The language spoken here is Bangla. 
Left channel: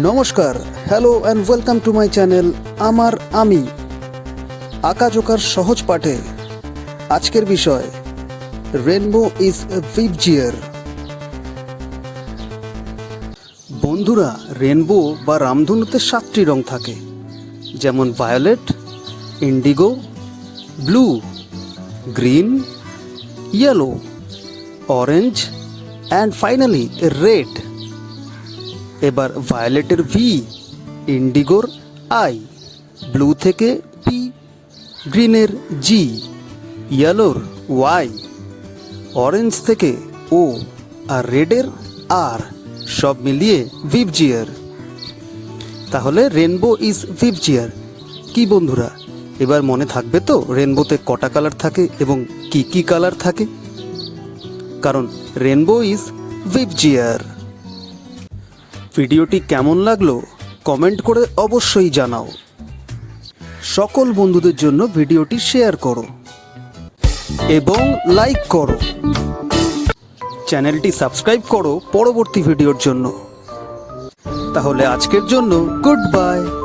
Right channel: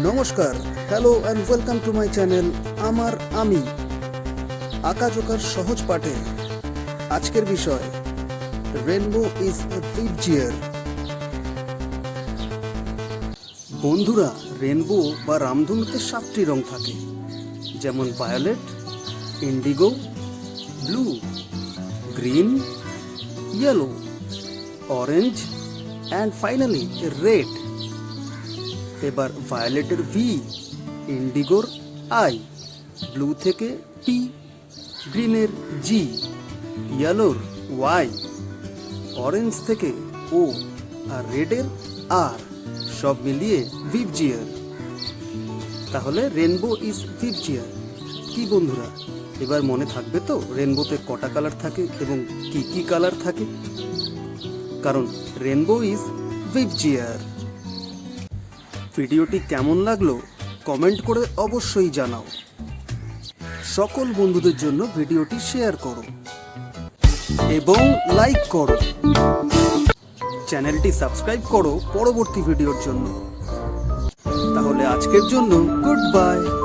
নমস্কার, hello and welcome to my channel আমার আমি আঁকাঝোঁকার সহজ পাঠে। আজকের বিষয় রেনবো ইজ ভিবজিওর। বন্ধুরা, রেনবো বা রামধনুতে 7টি রং থাকে, যেমন violet, indigo, blue, green, yellow, orange and finally red. এবার ভায়োলেটের ভি, ইন্ডিগোর আই, ব্লু থেকে পি, গ্রিনের জি, ইয়েলোর ওয়াই, অরেঞ্জ থেকে ও আর রেডের আর, সব মিলিয়ে ভিবজিওর। তাহলে রেনবো ইজ ভিবজিওর। কি বন্ধুরা, এবার মনে থাকবে তো রেনবোতে কটা কালার থাকে এবং কি কি কালার থাকে? কারণ রেনবো ইজ ভিবজিওর। ভিডিওটি কেমন লাগলো কমেন্ট করে অবশ্যই জানাও। সকল বন্ধুদের জন্য ভিডিওটি শেয়ার করো এবং লাইক করো। চ্যানেলটি সাবস্ক্রাইব করো পরবর্তী ভিডিওর জন্য। তাহলে আজকের জন্য গুড বাই।